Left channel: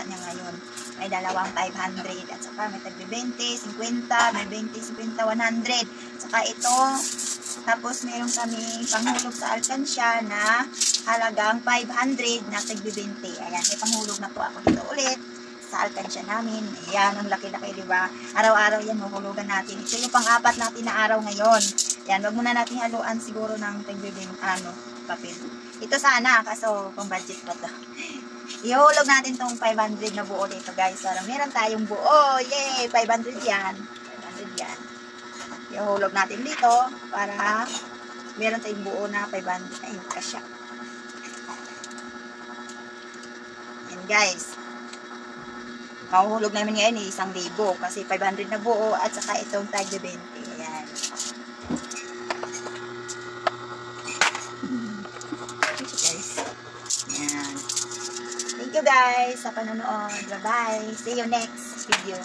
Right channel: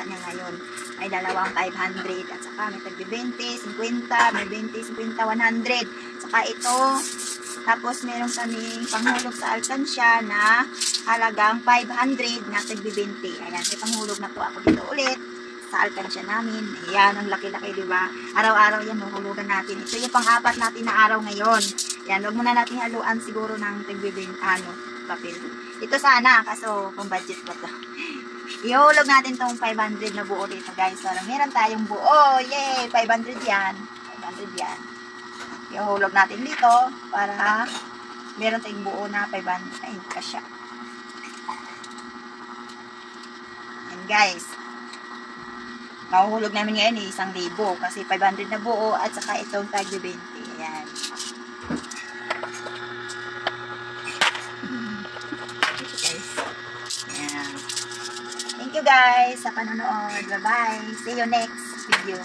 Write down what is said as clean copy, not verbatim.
ata niya ngayon. May dalawang 500 at saka may tagbi 20, 50, may 20, 50, 100. Saka ito, tapos meron kami panghulog sa alkansya na halagang 500 na tagbi 20. Ayan, may panghulog na po ako dito ulit sa alkansya namin. Ayan, ang laki-laki, diba? Araw-araw yan, huhulugan natin. Ito yung pang-apat natin na araw ngayon. Ayan, wag muna natin haluan siguro ng tagbi 20, papel. Ito sana, kaso pang budget pa to. Ihulog natin tong 500 na buo dito, guys. Para meron tayong buo. Yay! 500 yan. 500 yan. Ihulog natin dito para meron tayong buo na 500. Ay, kasya. Yan, guys. Mahuhulog namin ngayon 1,000 kasi 500 na buo at saka itong tag 20. Ayan. Thank you guys sa panonood. Bye-bye. See you next video.